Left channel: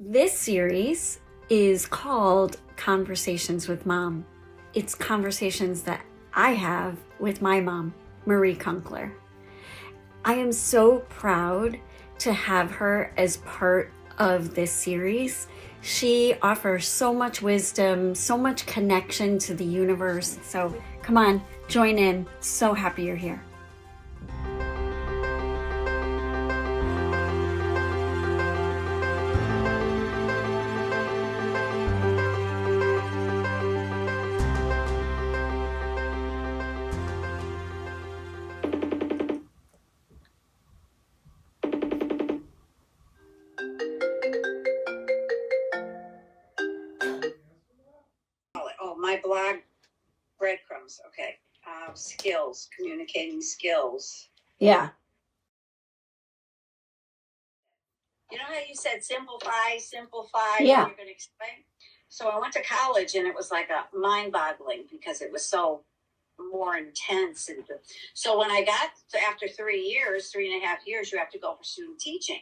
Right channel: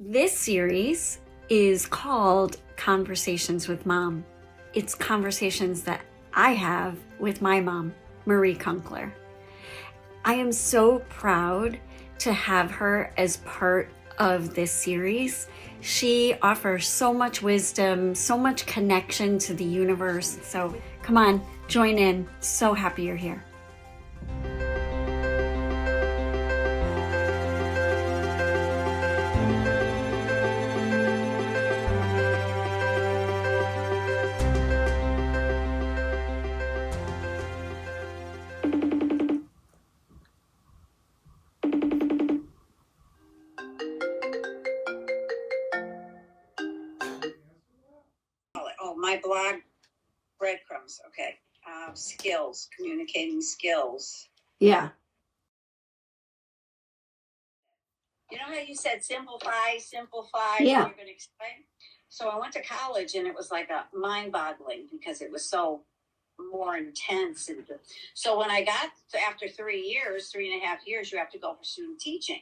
This series is called Conversations with Mom. It's conversations that I have with my mom, Marie Kunkler. I am so proud to have her as part of this series. She offers so much wisdom, so much connection to the universe. So come on, join in. So happy you're here. My blog, breadcrumbs, okay. Skills, communicating skills. Yeah. You know how you said simplify, Yeah. You're going to explain? So I went to college and it was like a mind-boggling because it was so more intense. And so when I got after 3.5 years, you have to go for student teaching.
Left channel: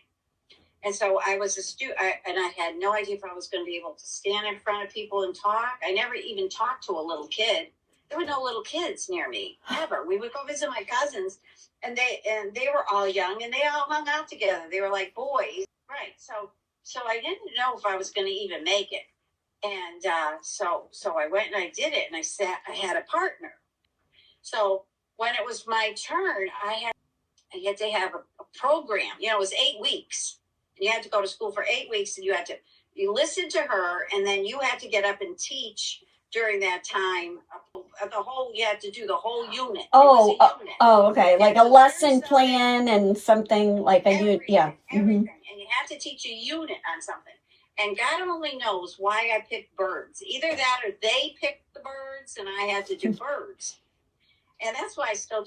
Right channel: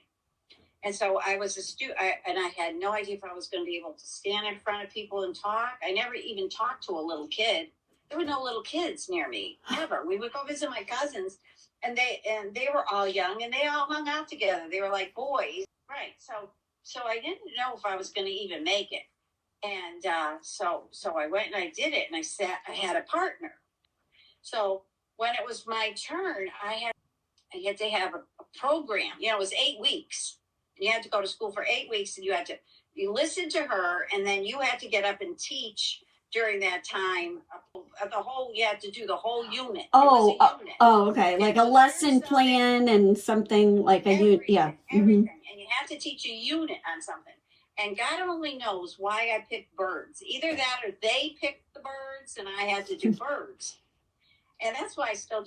And so I was a student, and I had no idea if I was going to be able to stand in front of people and talk. I never even talked to a little kid. There were no little kids near me, ever. We would go visit my cousins, and they were all young, and they all hung out together. They were like boys, right? So I didn't know if I was going to even make it. And so I went and I did it, and I had a partner. So when it was my turn, I had to have a program. You know, it was 8 weeks. You had to go to school for 8 weeks, and you listened to her, and then you had to get up and teach during that time. You had to do the whole unit. Okay. Like a lesson plan and something like a unit. Yeah. Everything. Mm-hmm. And you have to teach a unit on something. And God only knows why I picked birds. Either that or they picked the birds, and I had to do birds. And that's why I still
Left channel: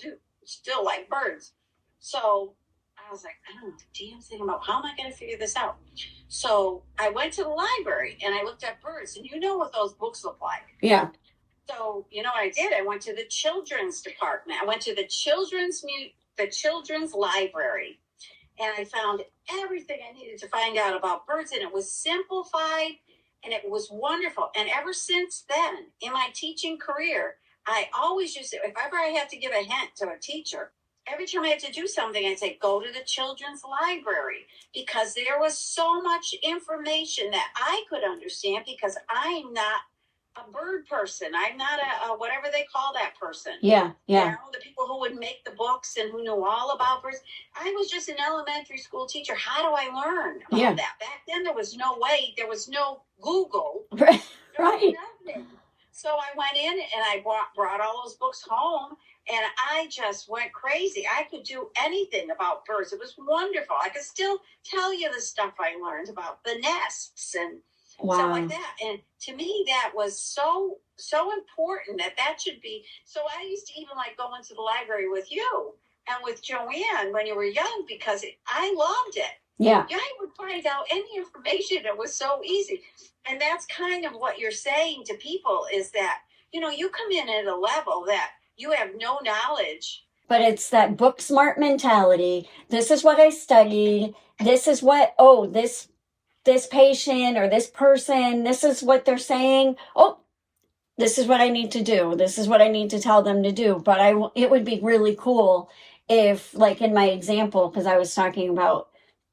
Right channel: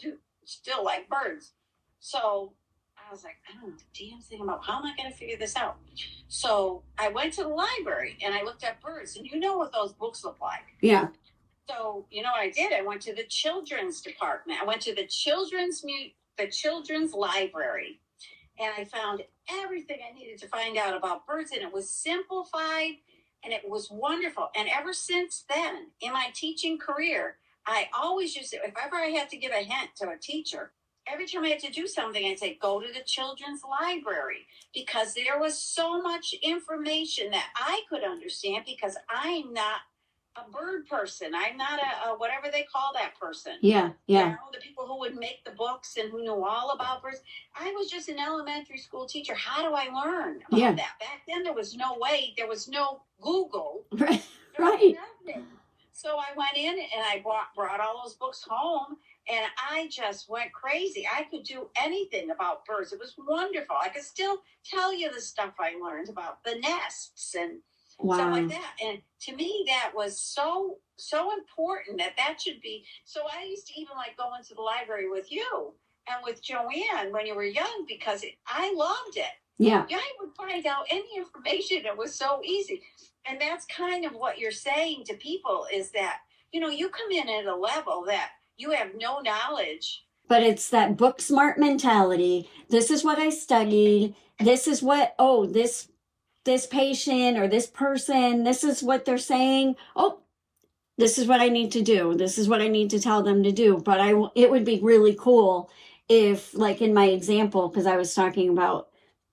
like birds. So I was like, I don't know the damn thing about how am I going to figure this out. So I went to the library and I looked at birds, and you know what those books look like. Yeah. So you know what I did? I went to the children's department. I went to the children's library, and I found everything I needed to find out about birds, and it was simplified, and it was wonderful. And ever since then, in my teaching career, I always used it. If ever I had to give a hint to a teacher, every time I had to do something, I'd say, go to the children's library, because there was so much information that I could understand, because I'm not a bird person. I'm not a whatever they call that person. Yeah. You know, the people who would make the books and who knew all about birds. I was just an elementary school teacher. How do I learn about that? Back then, there was no way. There was no Google. Right. So I went in and I brought all those books home, and I just went crazy. I could do anything about birds. It was wonderful. I could still tell you the stuff I learned about the nests and stuff like that. And to me, that was so important that should be. So I used to even like go into the library with you and with Joanne when you were young, because I loved it. Yeah. I would find out any information. It was so easy. And that's kind of what you're saying to people, is that, you know, you come in at a level that you have no knowledge. But it's that book smart mentality. This is what I studied. This is what, this patient or this person, this is what they're saying. Oh, this is what I need to do. This is what I need to tell them to do. But it would be really cool if, like in my example, because I was talking about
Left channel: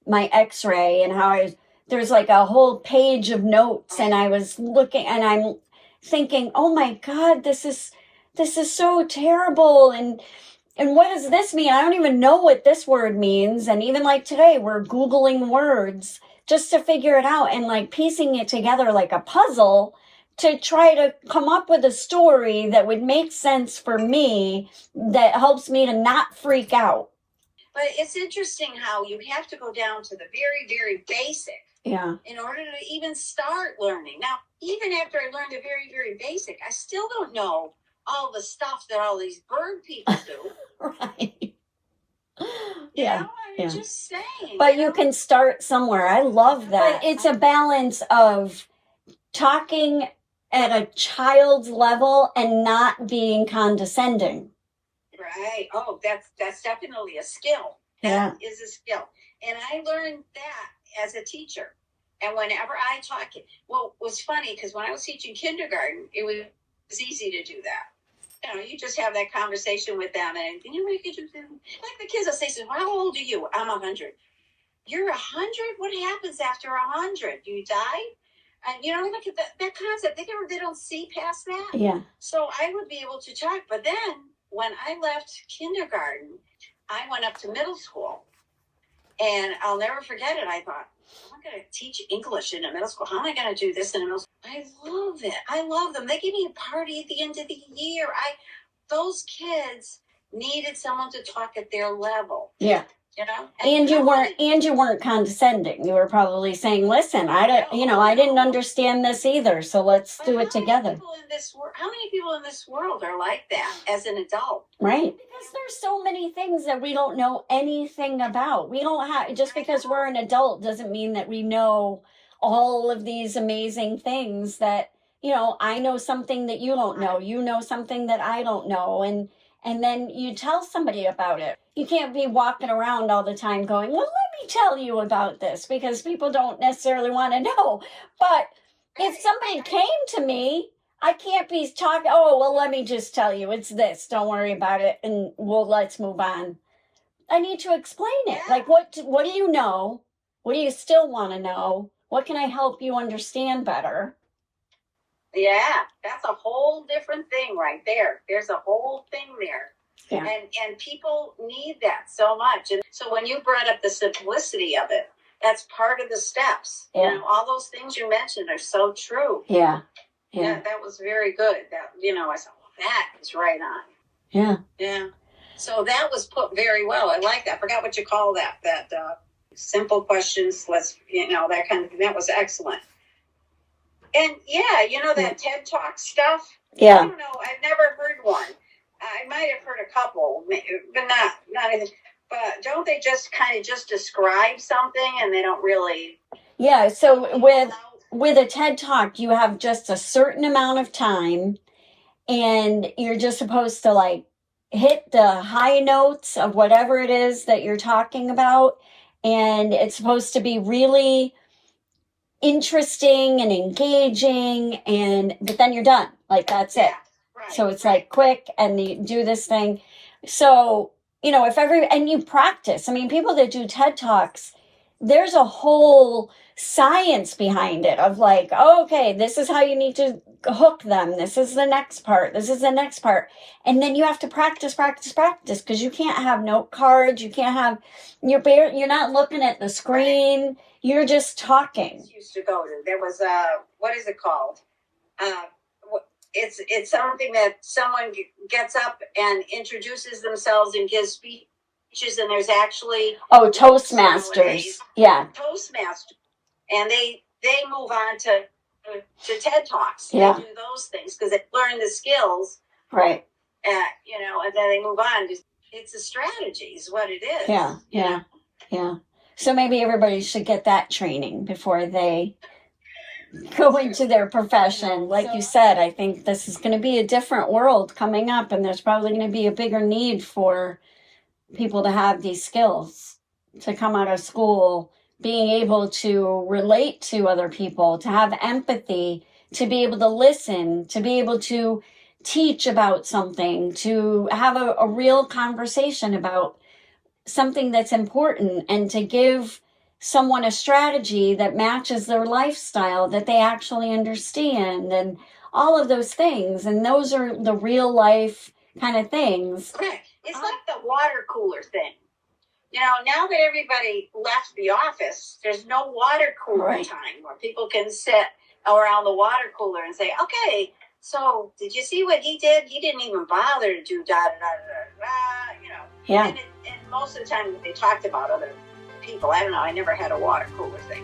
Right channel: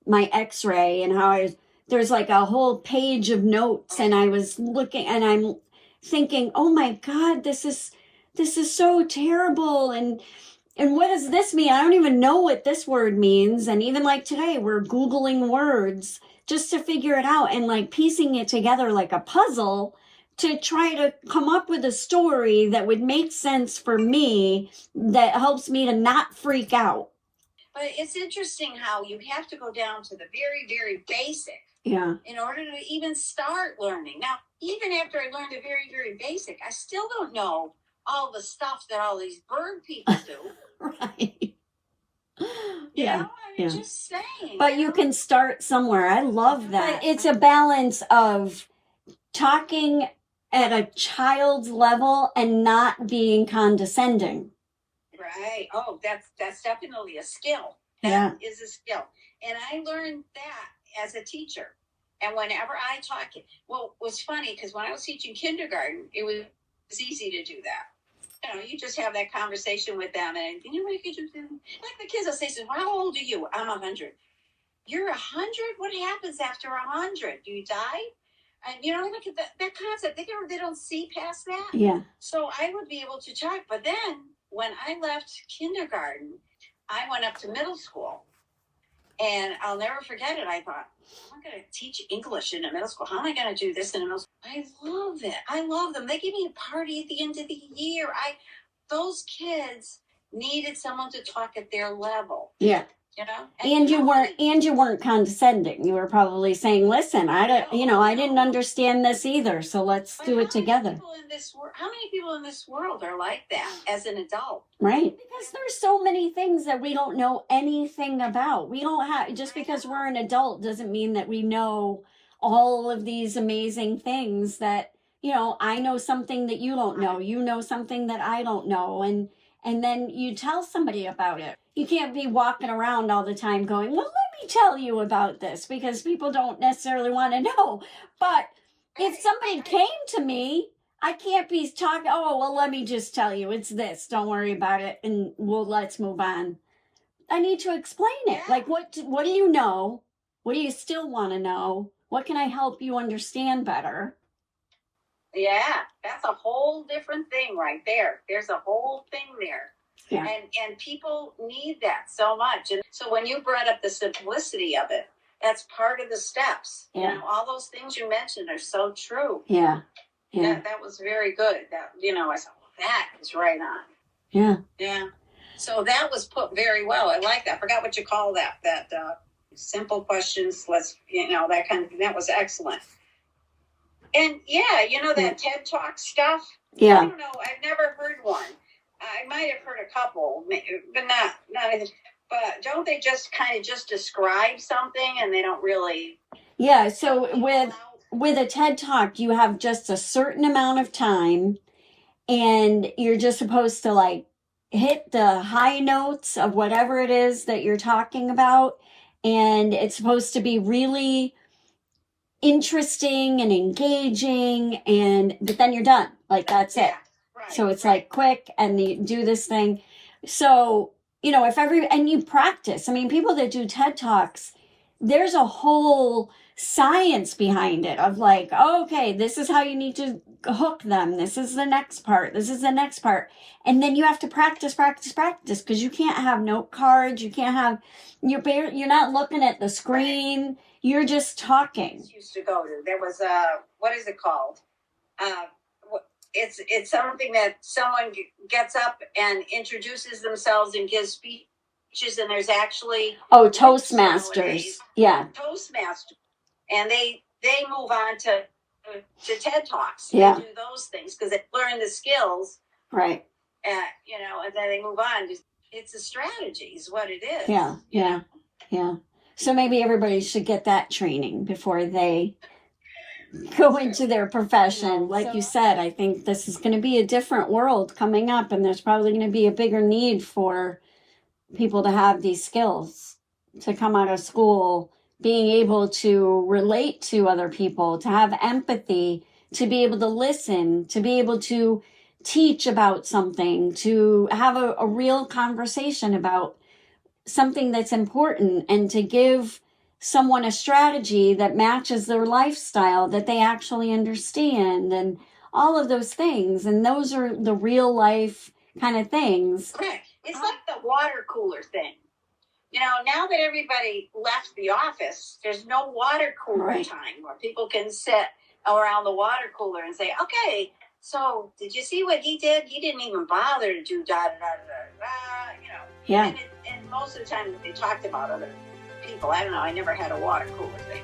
my x-ray and how there's like a whole page of notes, and I was looking and I'm thinking, oh my God, this is so terrible. And what does this mean? I don't even know what this word means. And even like today, we're Googling words just to figure it out and like piecing it together like a puzzle to try to come up with a story that would make sense for me, that helps me to not freak out. But it's interesting how you have to go down to the very, very basic. Yeah. In order to even start learning. Now, even after I learned the very, very basic, I still don't know all the stuff that all these bird people do. Right. Yeah. I'm just saying. But you can start somewhere. I love that. But it's a balance of talking at a child's level and not being condescending. Right. Oh, that's definitely a skill. Yeah. That is a skill. And I learned that as a teacher. And whenever I talk, well, it was funny because when I was teaching kindergarten, it was easy to do that. You just have that conversation with them, and what could you do? Like the kids will say, "Well, how old are you?" I'm 100. You're 100? What happens after 100? Do you die? And look at that concept. They don't see past that. Yeah. So I would be able to talk. But then when I left kindergarten, I went up to middle school. And I'll never forget it. I thought, I'm going to teach English in a middle school. How am I going to do this in a middle school? I love it. I love them. They give me a party at the end of the year. Those kids needed someone to talk at their level. Yeah. And you weren't condescending. You were probably saying, "Listen, I didn't understand this either. So let's do it together." How many people in this world are like that as an adult? Right. Because there's so many things that we don't know anything about. We don't have, just because we're an adult doesn't mean that we know all of these amazing things that, I know something that you don't know. You know something that I don't know. And then you tell somebody about it. You can't be walking around all the time going, "Well, let me tell you about this," because people don't necessarily want to know. But if somebody came to me, I can't be talking, "Oh, well, let me just tell you, it's this. Don't worry about it, and let's move on." I need to explain it. Like, what do you know? What do you still want to know? What can I help you understand better? Yeah, that's a whole different thing right there. There's a whole thing there. Yeah. And people need that so much. And so when you brought up the simplicity of it, that's part of the steps. Yeah. All those things you mentioned are so true. Yeah. Yeah. That was very good. That, I said, well, that is right on. Yeah. Yeah. So that was put very well. I like that. I forgot what you call that. That simple questions, that kind of thing. That was excellent. And that TED Talk stuff. Yeah. I don't know. I've never heard one. I might have heard a couple, but not anything. But don't they just kind of just describe something and they don't really? Yeah. So with a TED Talk, you have just a certain amount of time, and you're just supposed to hit the high notes of whatever it is that you're talking about, and it's supposed to be really interesting and engaging, but then you're done. That's it. Right, so it's quick, and you do this thing. So, and you practice. I mean, people that do TED Talks, there's a whole science behind it of okay, this is how you need to hook them. This is the next part. This is the next part. And then you have to practice, because you can't have note cards. You can't have, you're not looking at the screen. You're just talking. Used to go to. There was what is it called? It's something that someone gets up and introduces themselves and gives speeches, and there's actually Toastmasters. Yeah. Toastmasters, and they move on to TED Talks. Yeah. They do those things because they learn the skills. Right. And then they move on. It's a strategy, is what it is. Yeah. So maybe everybody should get that training before they go into their profession. Like you said, I think this is going to be a different world coming up, and there's probably going to be a bigger need for people to have these skills, to come out of school being able to relate to other people, to have empathy, to be able to listen, to be able to teach about something, to have a real conversation about something that's important, and to give someone a strategy that matches their lifestyle that they actually understand, and all of those things. And those are the real life kind of things. It's like the water cooler thing. Now that everybody left the office, there's no water cooler time where people can sit around the water cooler and say, "Okay, so did you see what he did? He didn't even bother to do da da da da da." Yeah. And most of the time they talked about other people. I don't know. I never had a water cooler thing.